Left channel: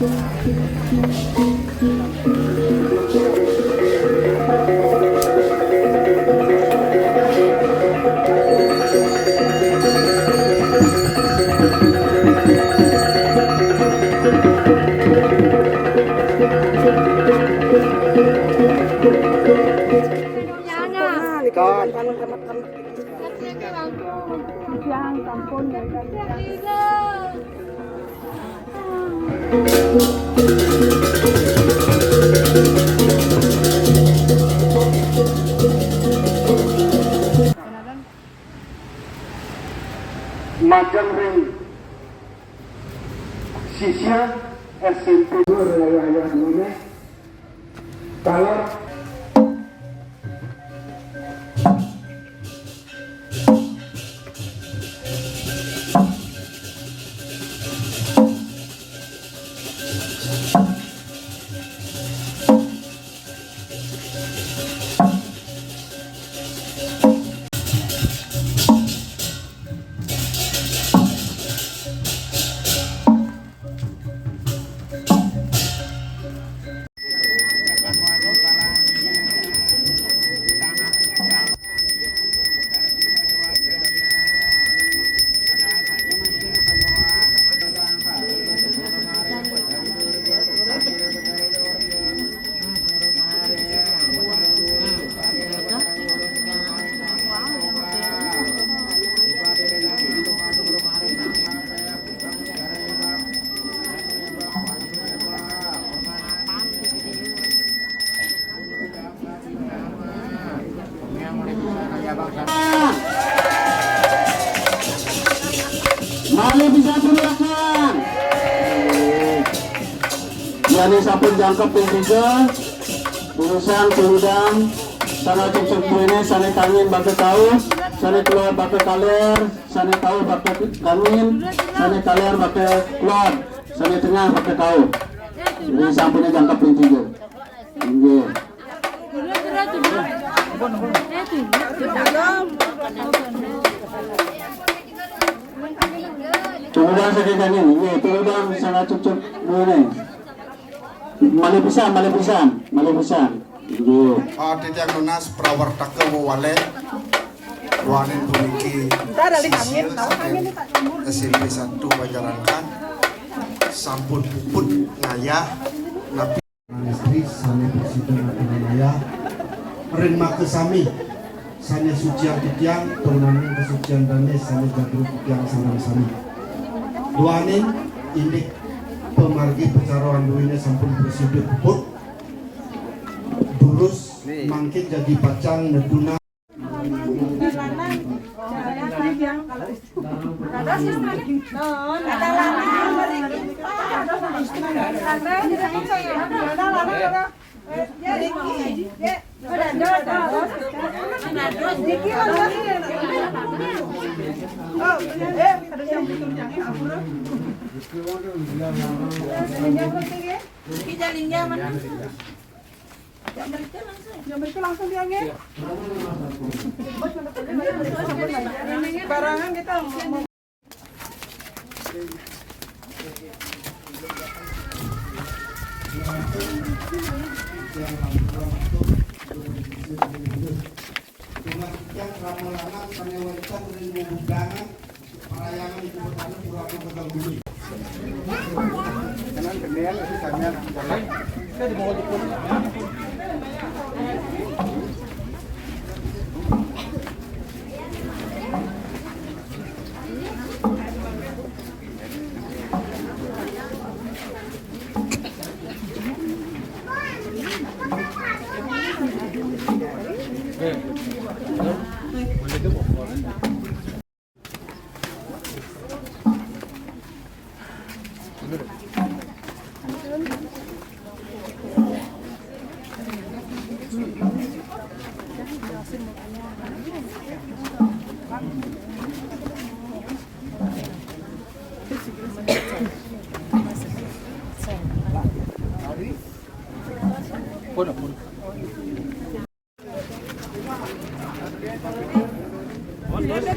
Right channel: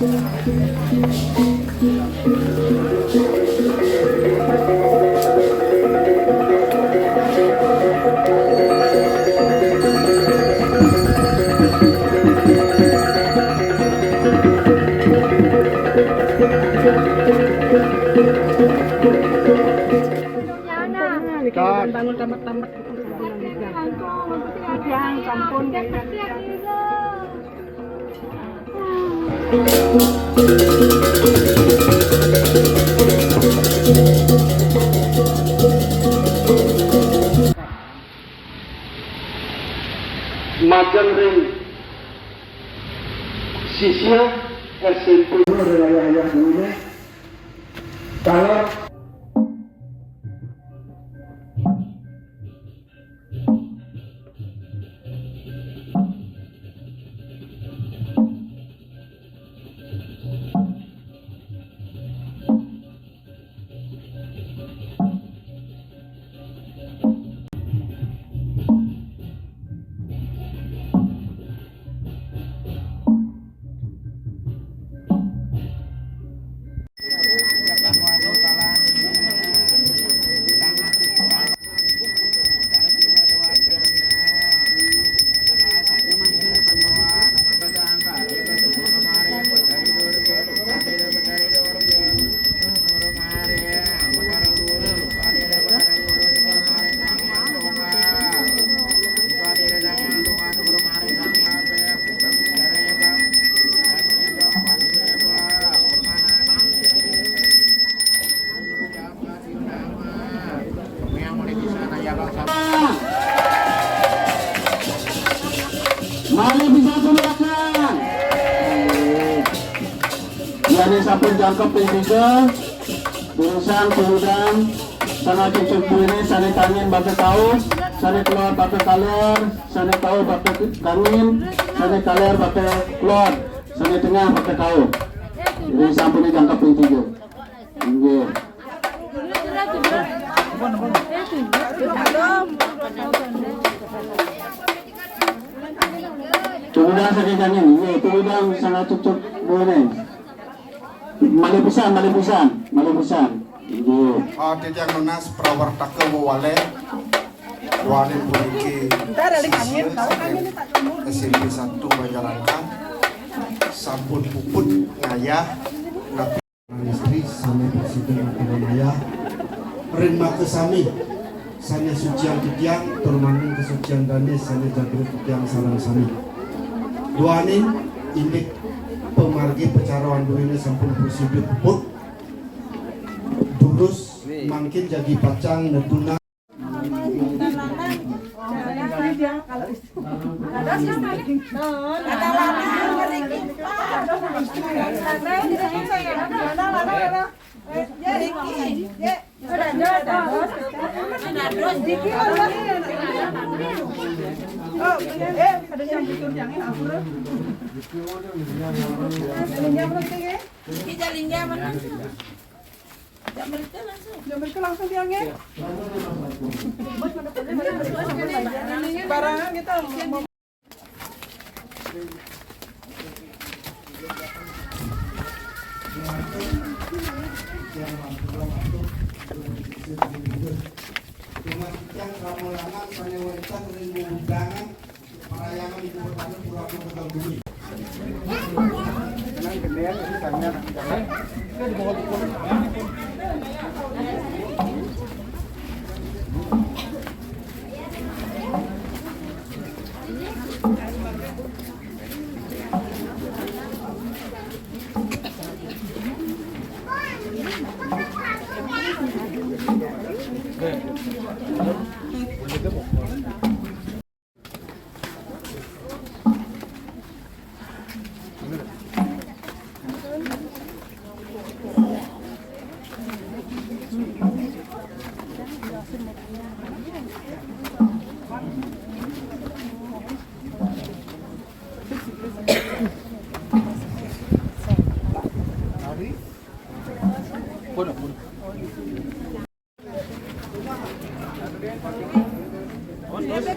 Bangun tamat-tamat yang kampung Majang ring sisya SMP ayah-ayah dulu kalau mari bisa silakan. Yani samping jangkep tinggal, tulisan sudah, sana cucuk ini, sana tangin pakai kaos, sana keluar pakai kaler, sana kaos pakai tangin, sana kaler pakai keluar, sana tengah pakai kaos. Ini sampingnya jangkep tinggal. Ini. Sudah sekitar ini, sudah misalnya cucuk boleh. Malipisan. Audit yang menas prawartaka wale wanen memiliki SMP 1 Banjarankan sampun puput ngayah napi istri sane presiden Atanaya ring makesami sane sucian kitiang permanen kesucian dane sane jadul kitiang sami duaning indik pemargi pecaruan duwine sampun bersibuk puput durus mangkin jadi pacang neduna langsung bilangnya barangan kita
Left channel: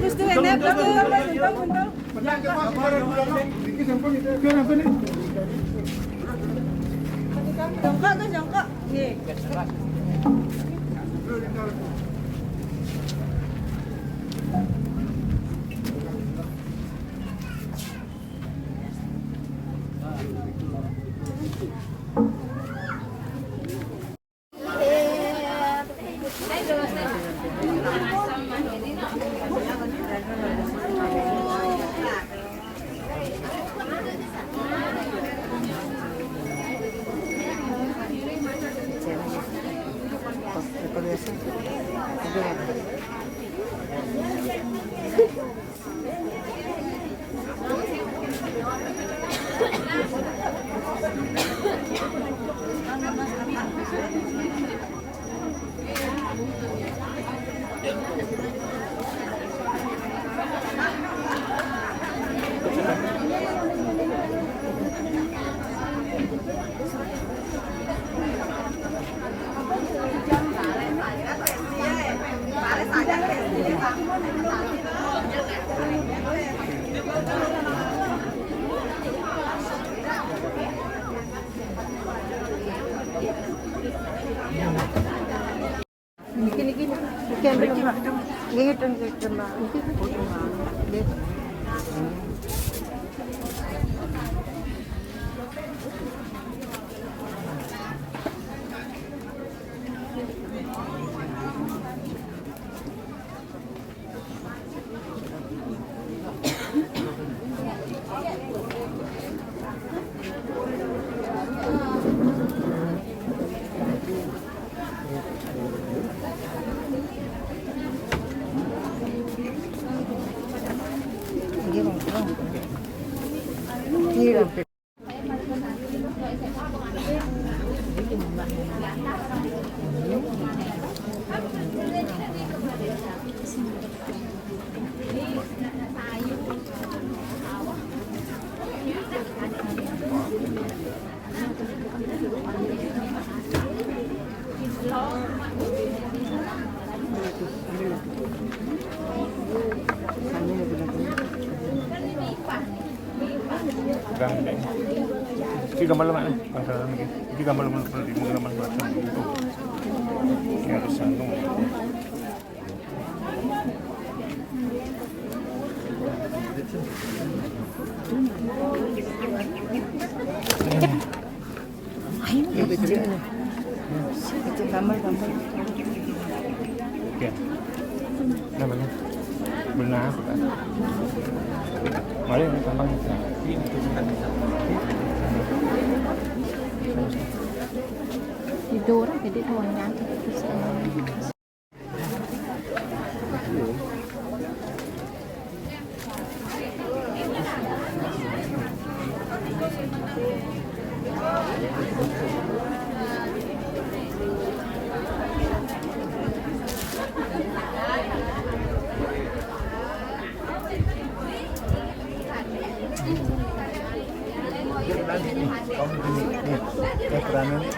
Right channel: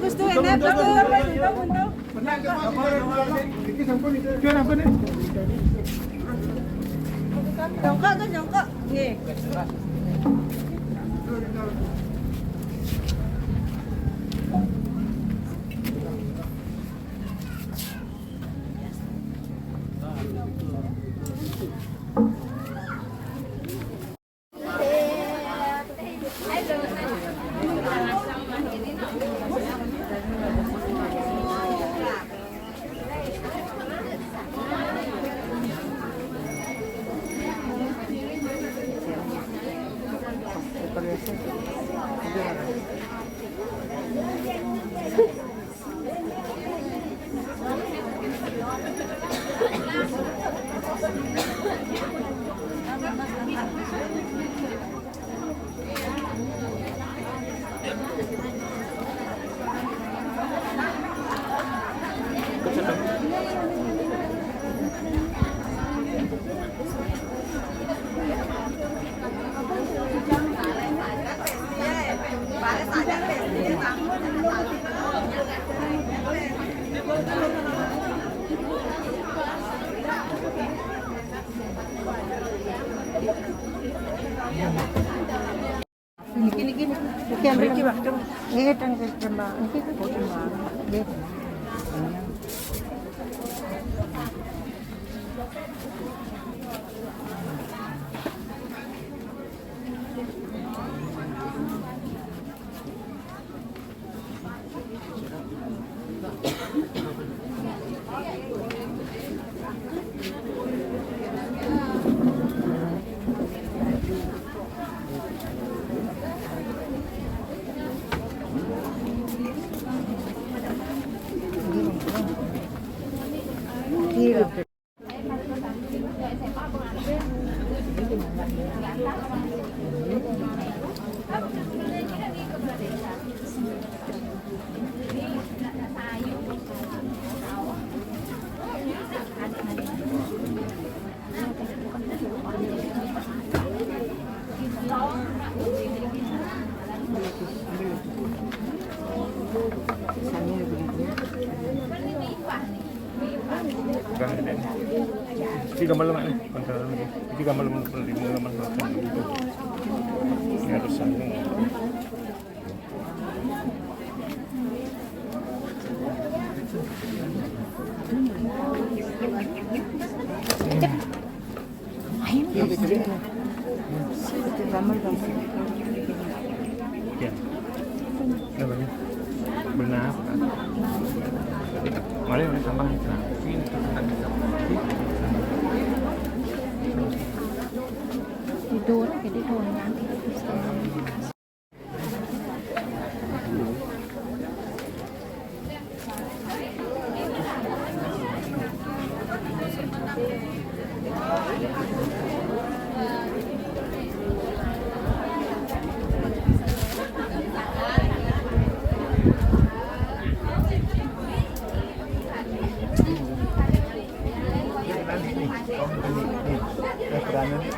Gusto, Jongkok tuh jongkok. Nih. Ini gambar lemak nih, masalah lagi. Ini gambar lemak belakang gitu. Ya bisa dong. Ya, namanya benar bukan? Mari tambah itu orang gede kawannya. Nih, kamu nih, peranan nih,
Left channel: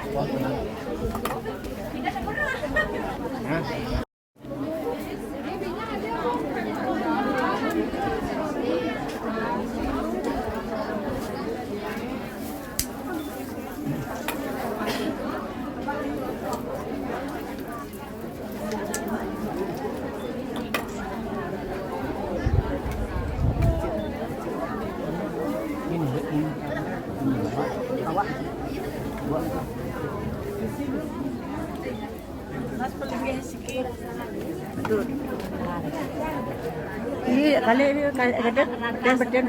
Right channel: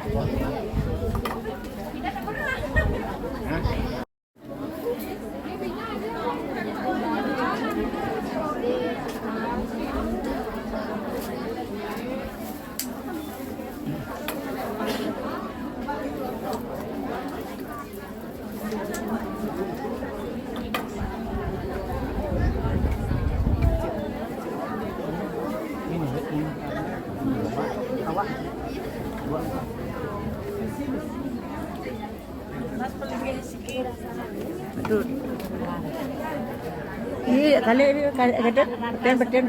Mas paling sikit. Iya, kali ini ada beden dan tas beden.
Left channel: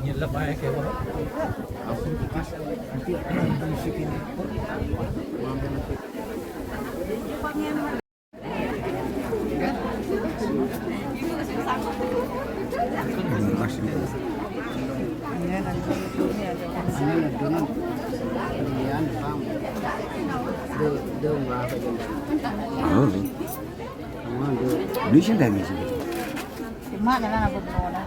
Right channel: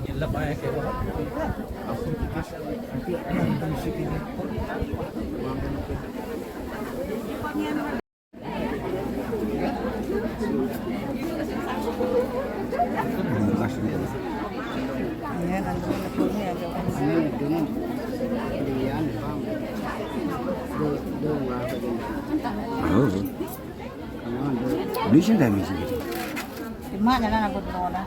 Nyelap aja kayak apa? Aku kipas nanti ada musik ini. Di sini dah misi. Cuma jalan apa berona.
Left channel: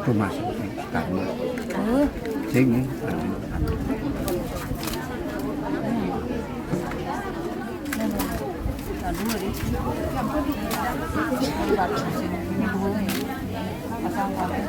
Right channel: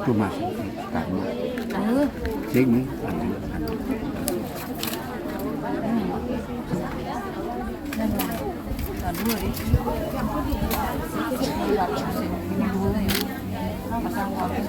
Tu mas. Tak. Sini. Dua deh. Ini baca sini. Ini dua ya. Pasang kali.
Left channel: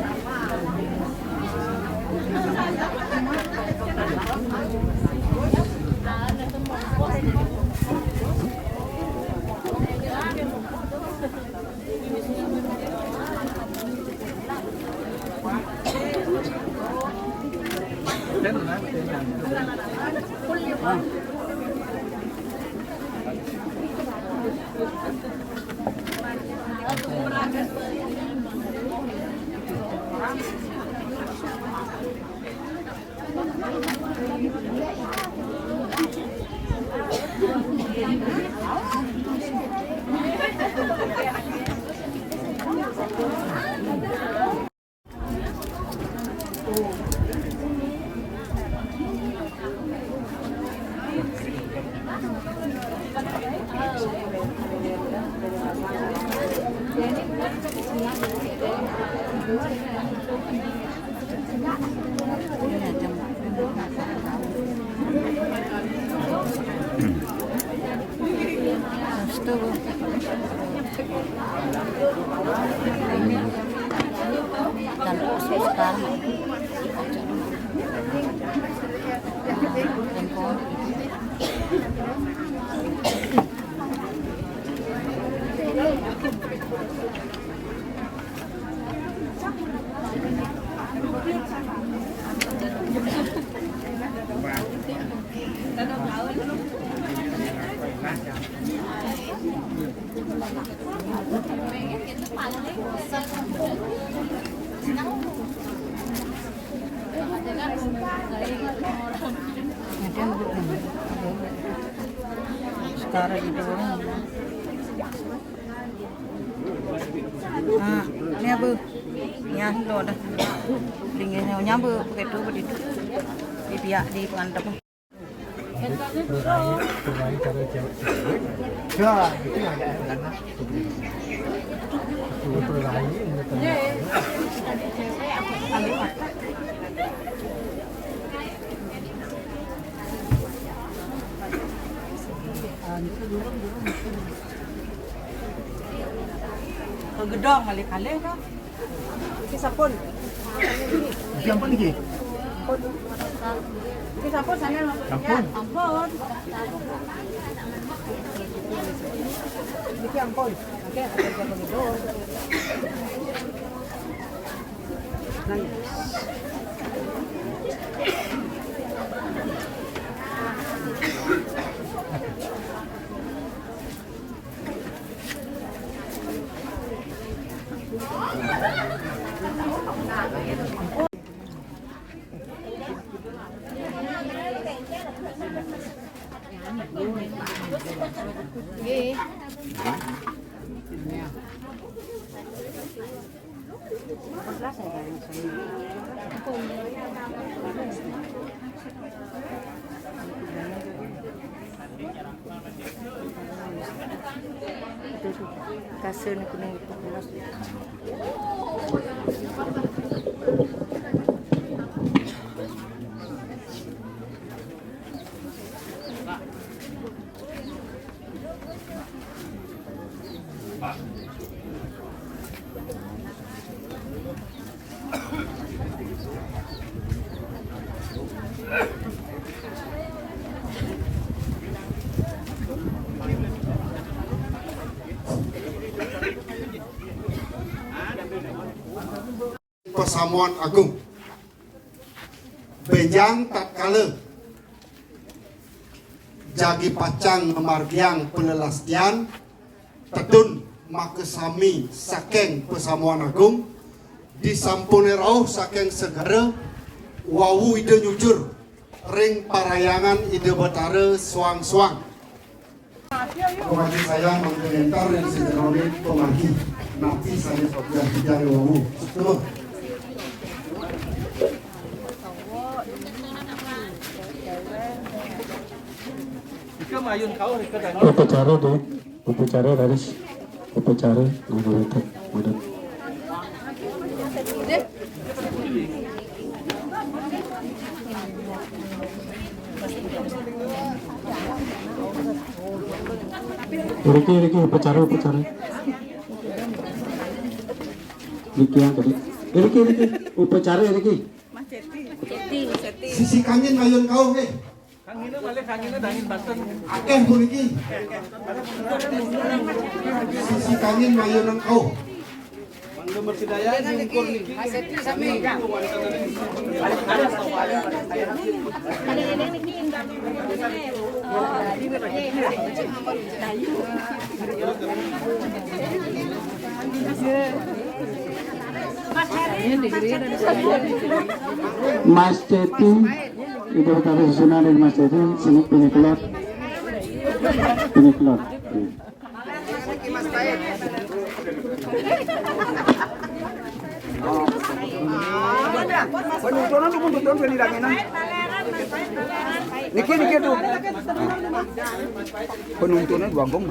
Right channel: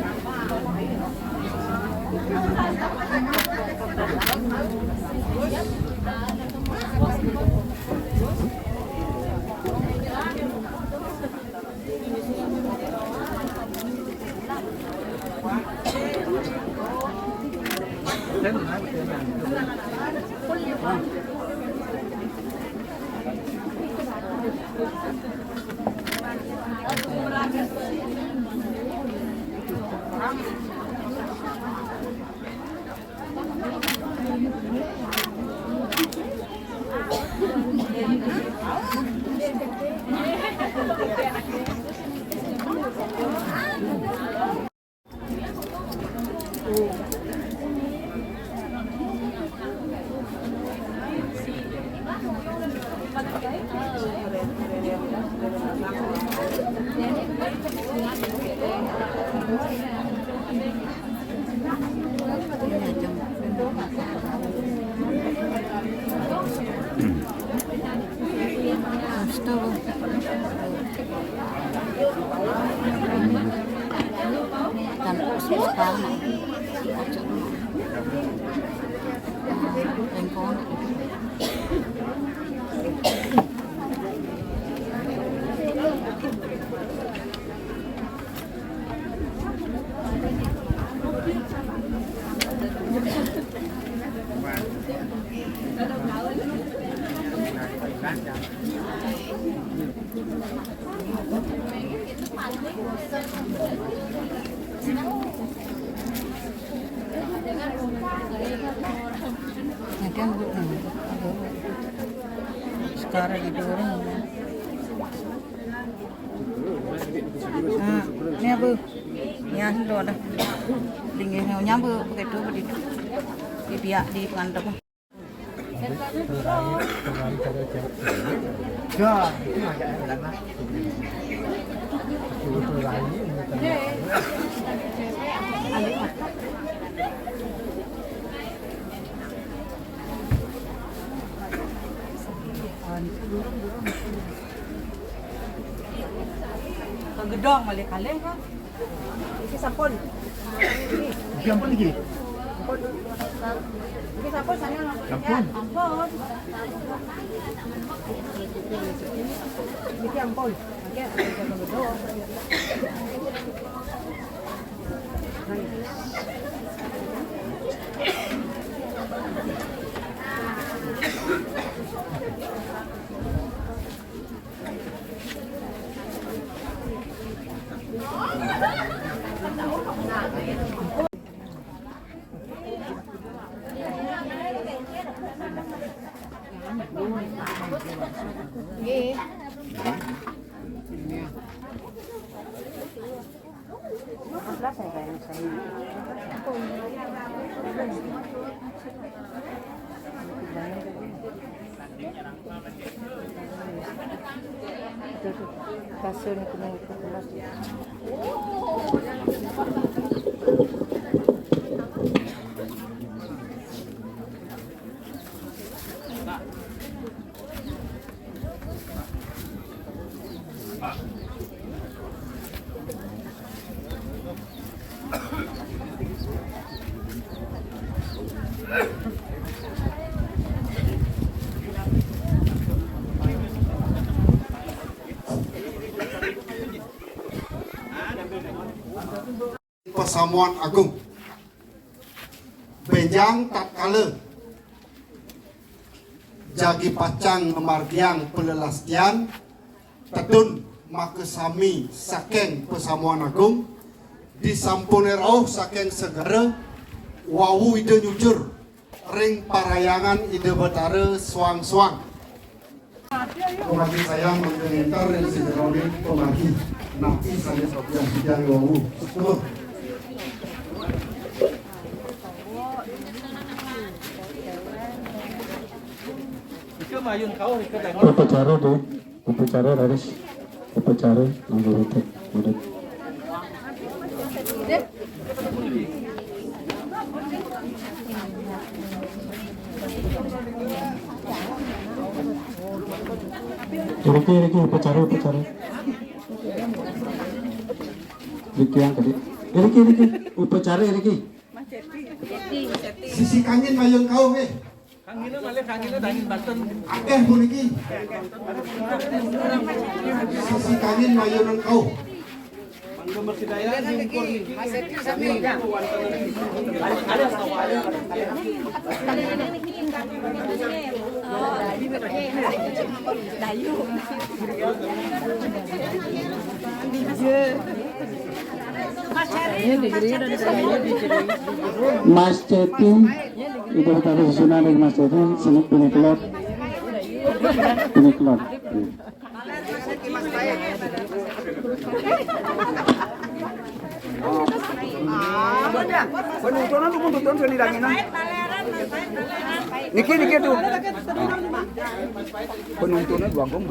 Dan sekarang handphone sekarang itu orang ini apa ya lo ada dingin nyampe begitu di pihak di pengantar ke gedong balik kali kan iki sapon Siapa lagi? iki sapon sana Ampun. ampun iki ampun oke kasih ni kuning itu kelas. Pesamuan Agung Benjang tatkala jagi pacang memargiang pelelastian tetun maka sami saking Pesamuan Agung disampune rauh saking segera wawu ide nyujur ring parayangan ide betara suang-suang. Pemagi saya mengentar ring segerone pemagi nanti saya sopian hijau wawu. Setelah upacara deh, upacara harus upacara menurut. Riki upacara. Riki yang tadi. Riki upacara Riki. sisi kangen mayun kau weh. Akeh puniki. Sisi kangen mayunan kau. Mas Ceti itu tadi susunan dari Mas Ceti sini piniklot. Penontonan pun tonton penidangan. Niki tuh. Penontonnya bangkong.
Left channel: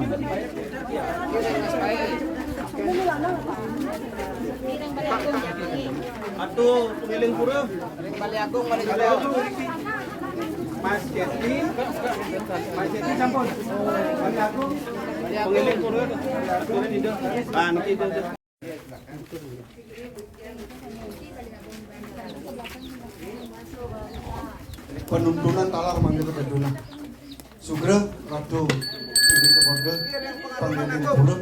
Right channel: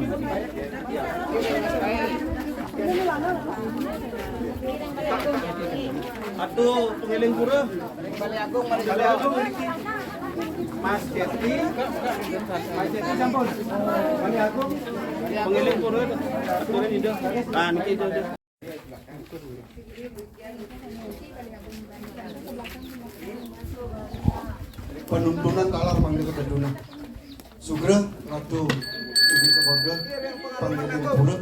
Atuh pengiling pura. Kali agung Mas Jeti sampun. Kali agung pengiling pura. Penuntunan talar manggil ke dedunan. Sugra ratu ibu keluarga pengiling pura.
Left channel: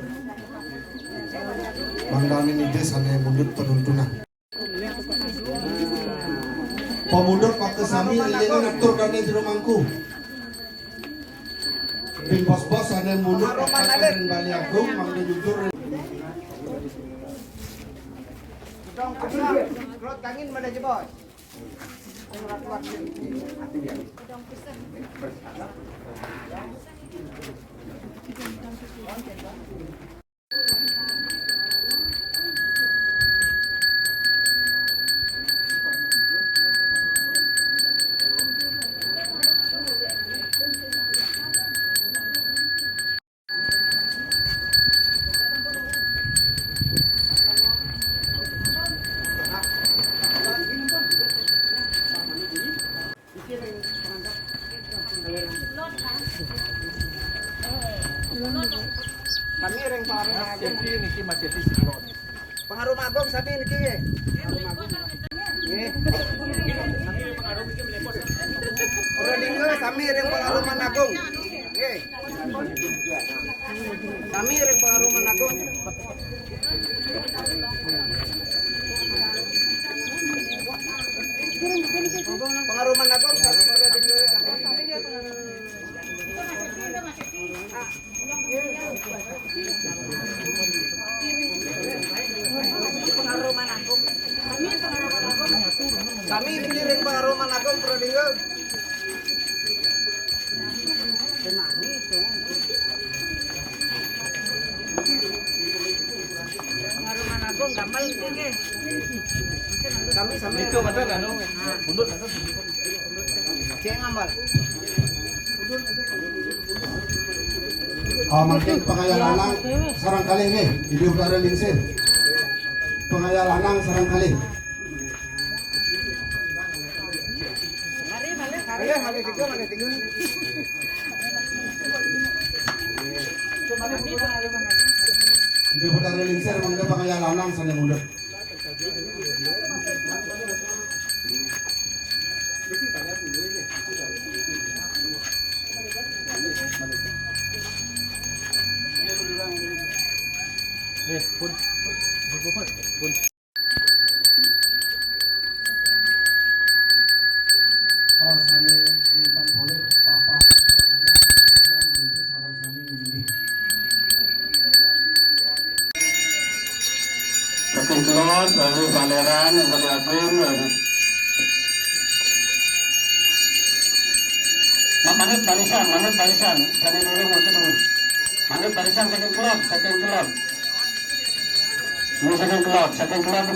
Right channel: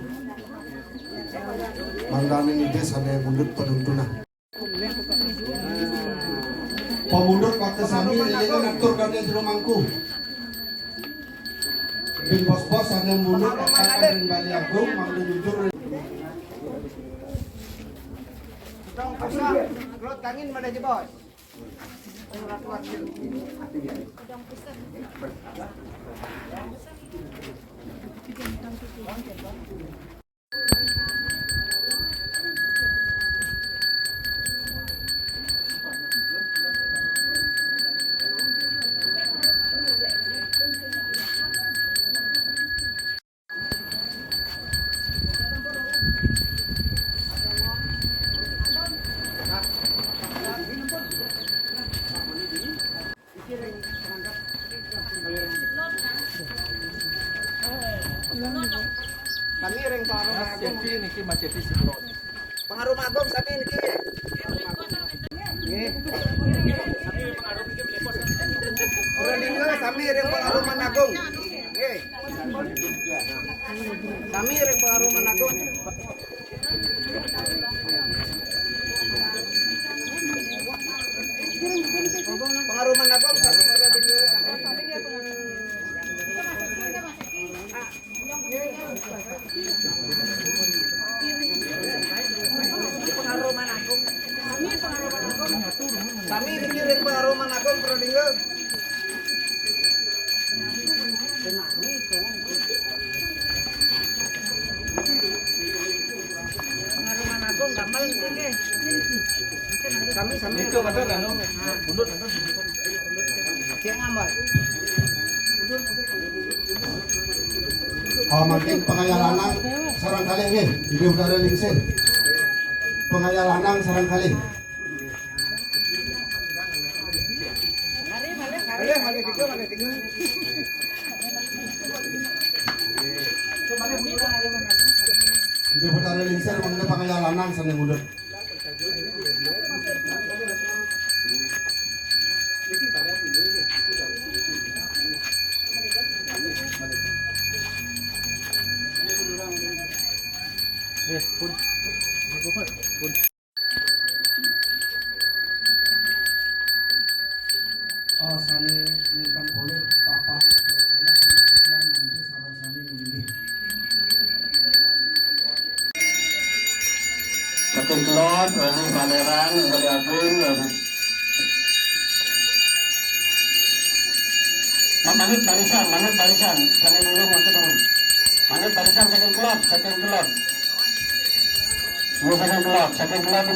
Mandangin ide sana mundur penuntunan. Pemundur waktu sami lilingnya ngatur dan yang tidak mangku. Bin bos-bos sana mundur kakak dan Bali Agung manggil jujur. Kangin mana aja bos? Kami reng pengaruh agung niki Mas Jeti pengaruh agung sapi niki nggih ora dingin kami reng pengaruh agung nggih kami reng pengaruh agung pengaruh agung sapi kami dikirim pengaruman agung Prodinggo. Pengaruman agung gampang nggih. Kami sampai itu betul kan? Mundur kan? Sing ngambal. Makin pengayalanang sarang kali nih, hidup dari lingsing. Pengayalanang sarang kali. Mari tiga. Hidup dari lingsing, mungkin pengayalanang sana mundur. Pun. Sani lintang boleh papa nanti sarang sani begini. saking kelot, lalu baleran, yang kedua agung, lalu manit barisan, jangan dulu, manit barisan saking kelot. Ini saking kelot,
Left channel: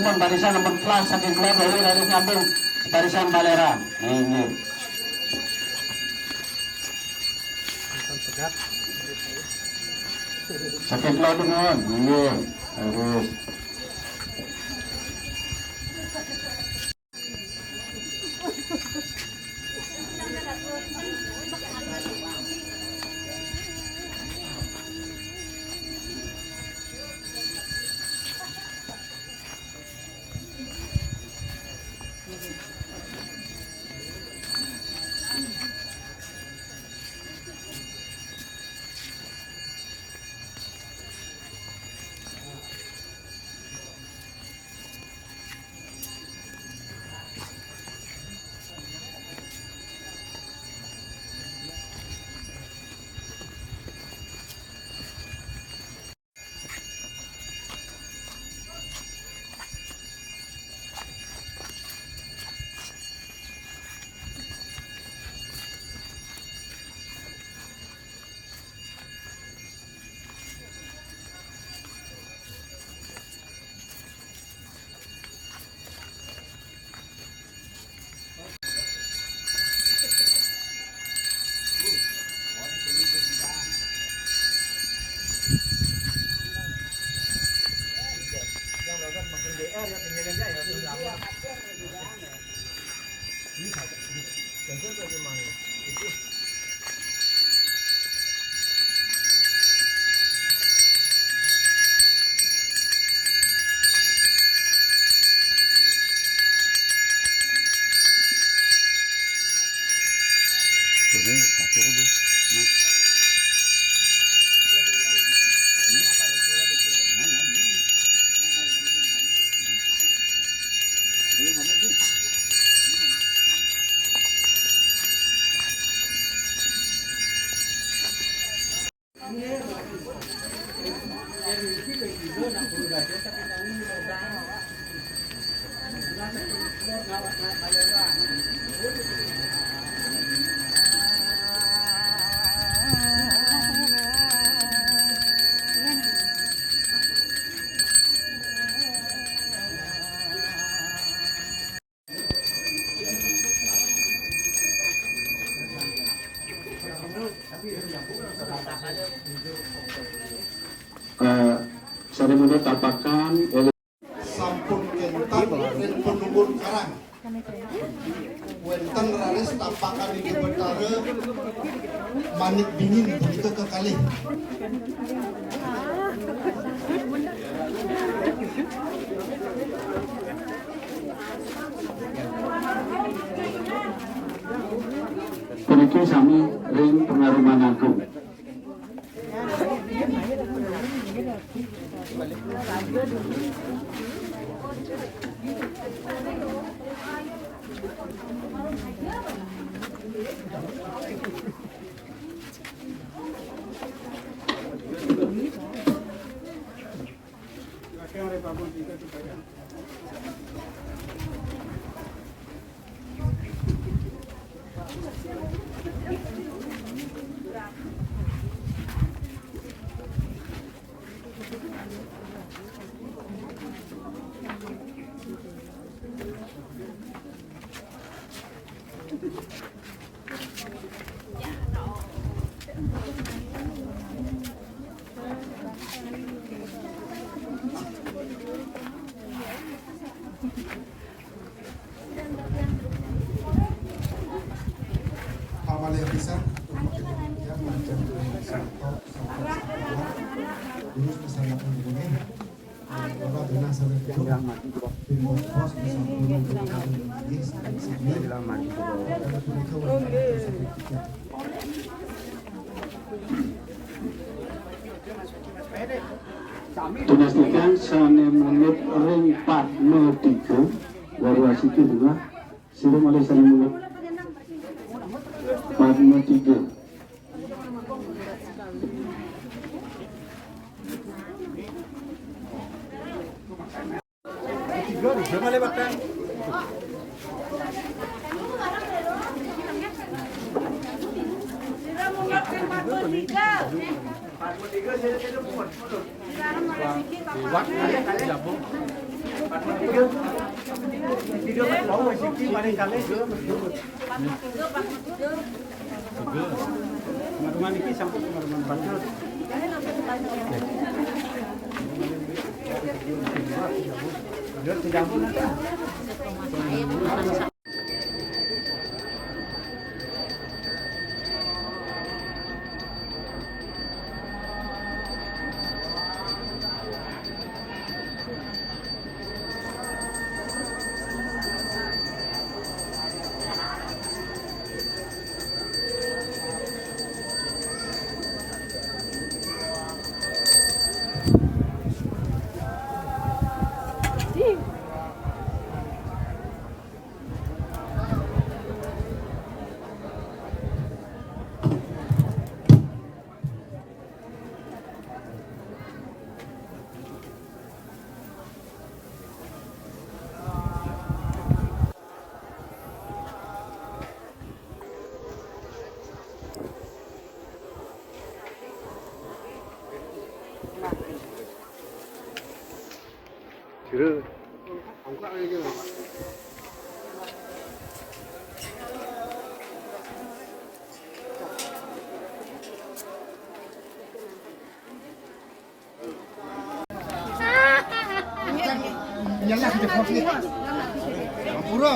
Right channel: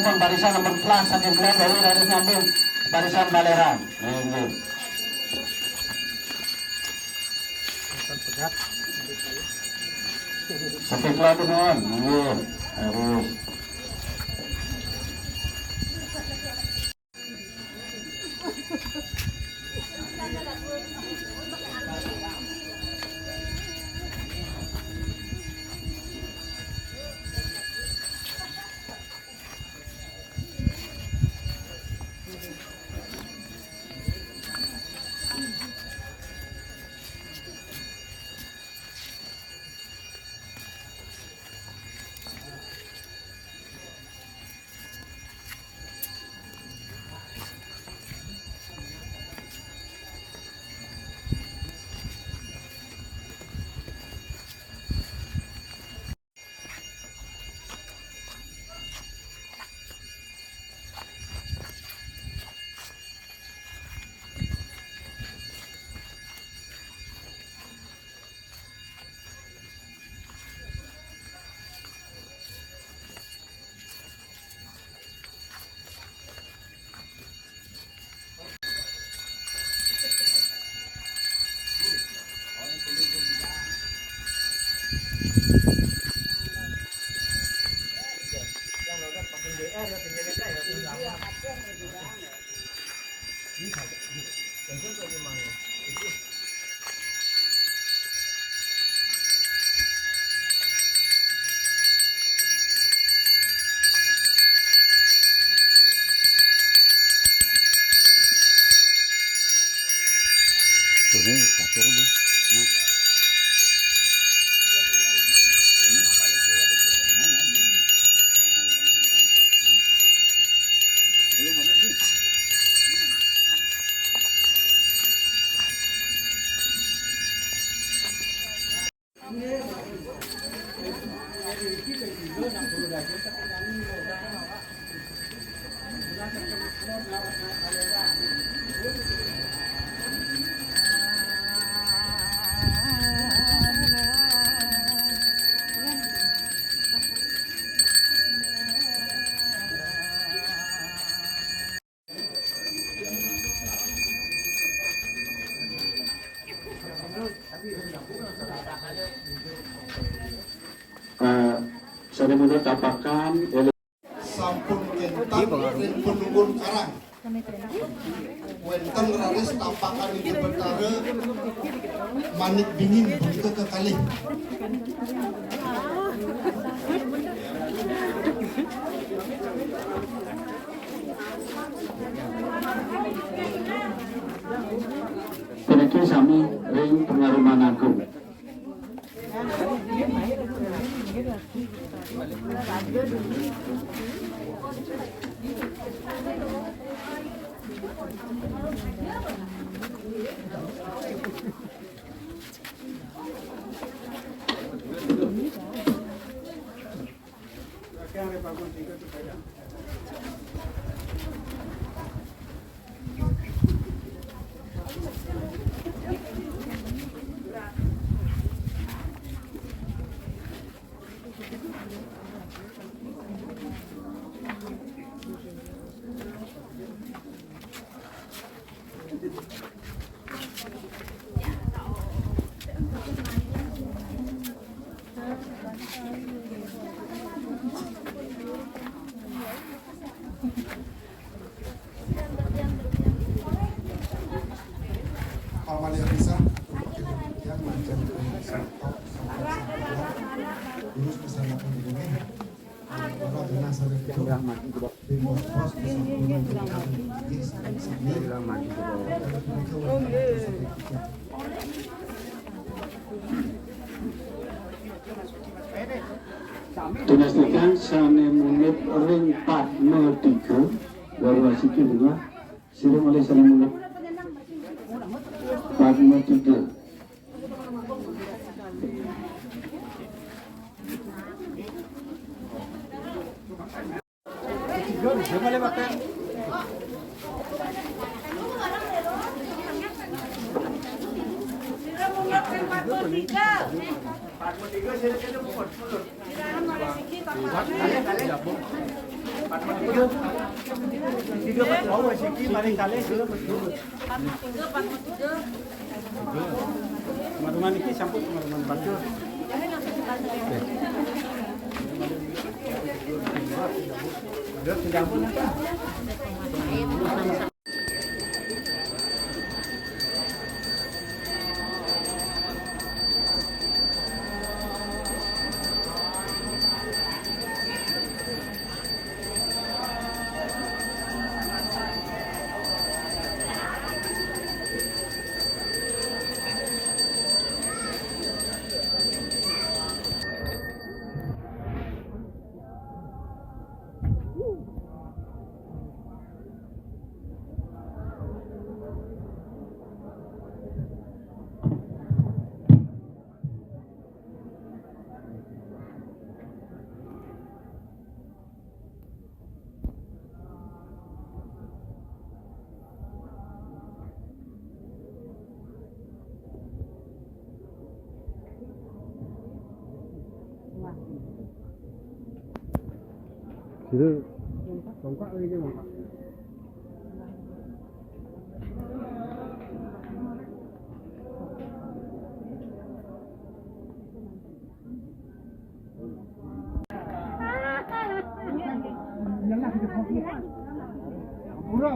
pun barisan nomor kelas, saking kelot, lalu nyambung barisan baleran. Ini. Saking kelot dengan, ini harus. Seremoni tapakan oleh sampun kentan penunggun karang. Wenten raris tapakan ini berkara manik dingin begitu kekalih. Peniki sami ring pengaruman agung. Amalia bisa Tunastikan sane menit ring 403 dari wasiki juga siring oleh sane menit 403. Kira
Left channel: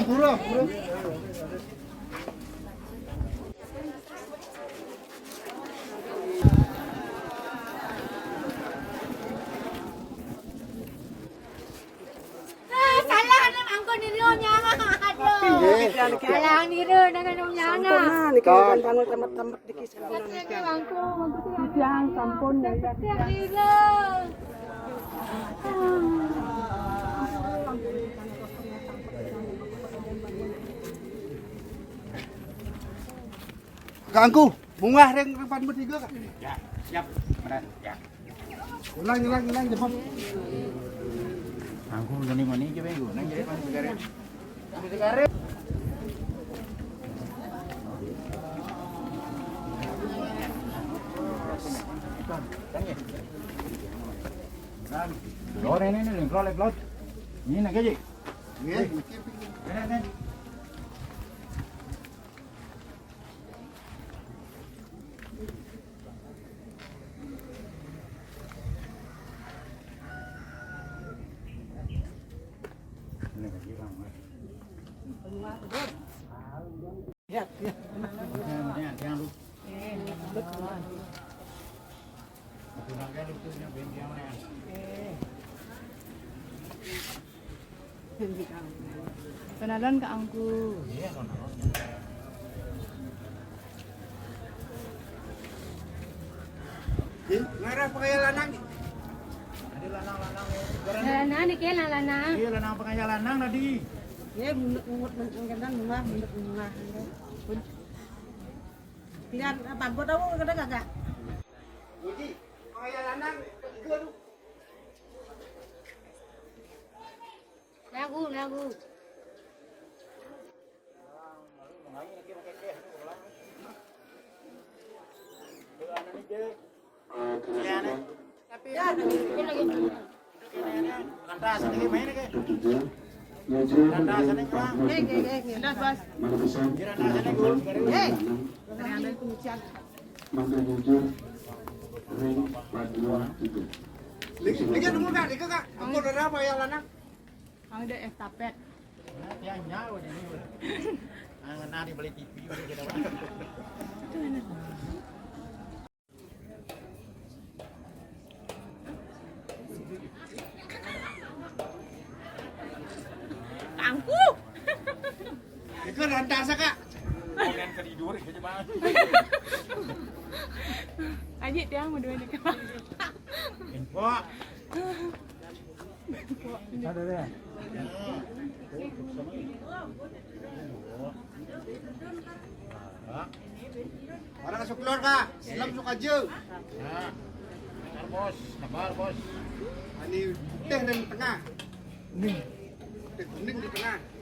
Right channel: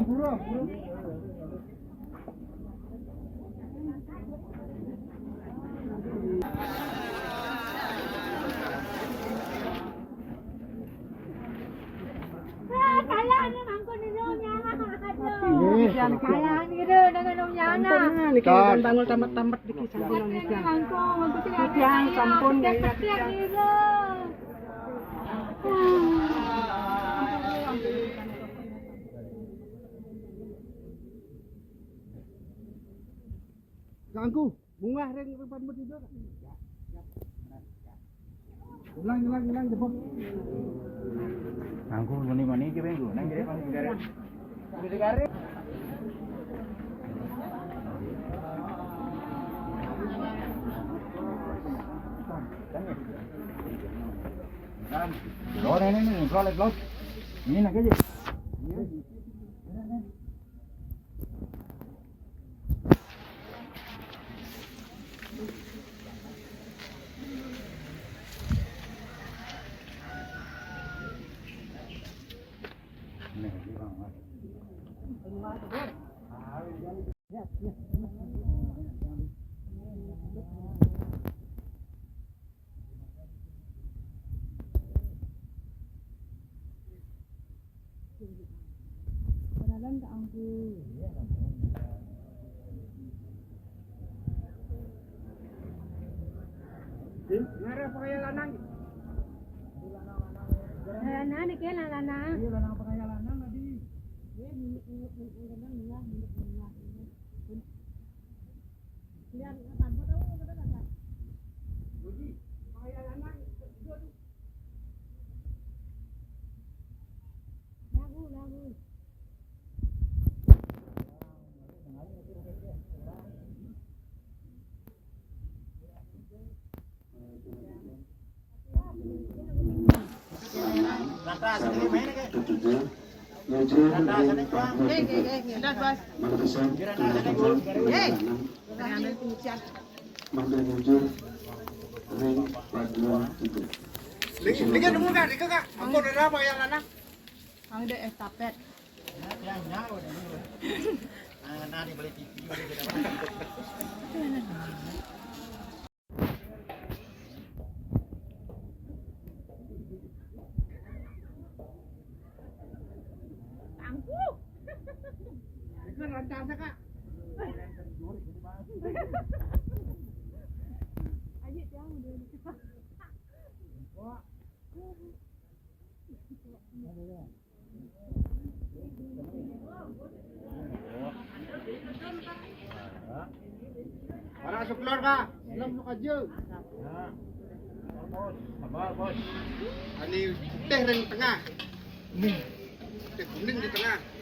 Pura. Salah na angko ninyo niya nga aduh. Salah ni ro dengan umyana. Sampun bangun tamat-tamat di kisah Angko magusin yang sampun setiap ni ro. Kangku, bunga ring depan bertiga kak. Ya, siap. Ya. Ulang cepat. aku jadi mana je bang? Nang jadi mana? Lor ini lor. Ini nak kerja. Kenalan ke angku. Ngarang pakai lanang. Lanang ni ke lanang. Iya lanang pakai lanang tadi. Ya, mungut bunga. Pilihan apa? Buat tahu kada kagak? Uji, pakai lanang. Lagu. Kau dah estafet. Nanti beli TV. Angku. Itu rantas kak. Kalian ketidur kerja bang. Adik dia mau dua ni ke? Info. Ada deh. Para suklor kak, silam suka aja. Bos, nabal bos. Ini teh ring tengah. titik kuning di tengah.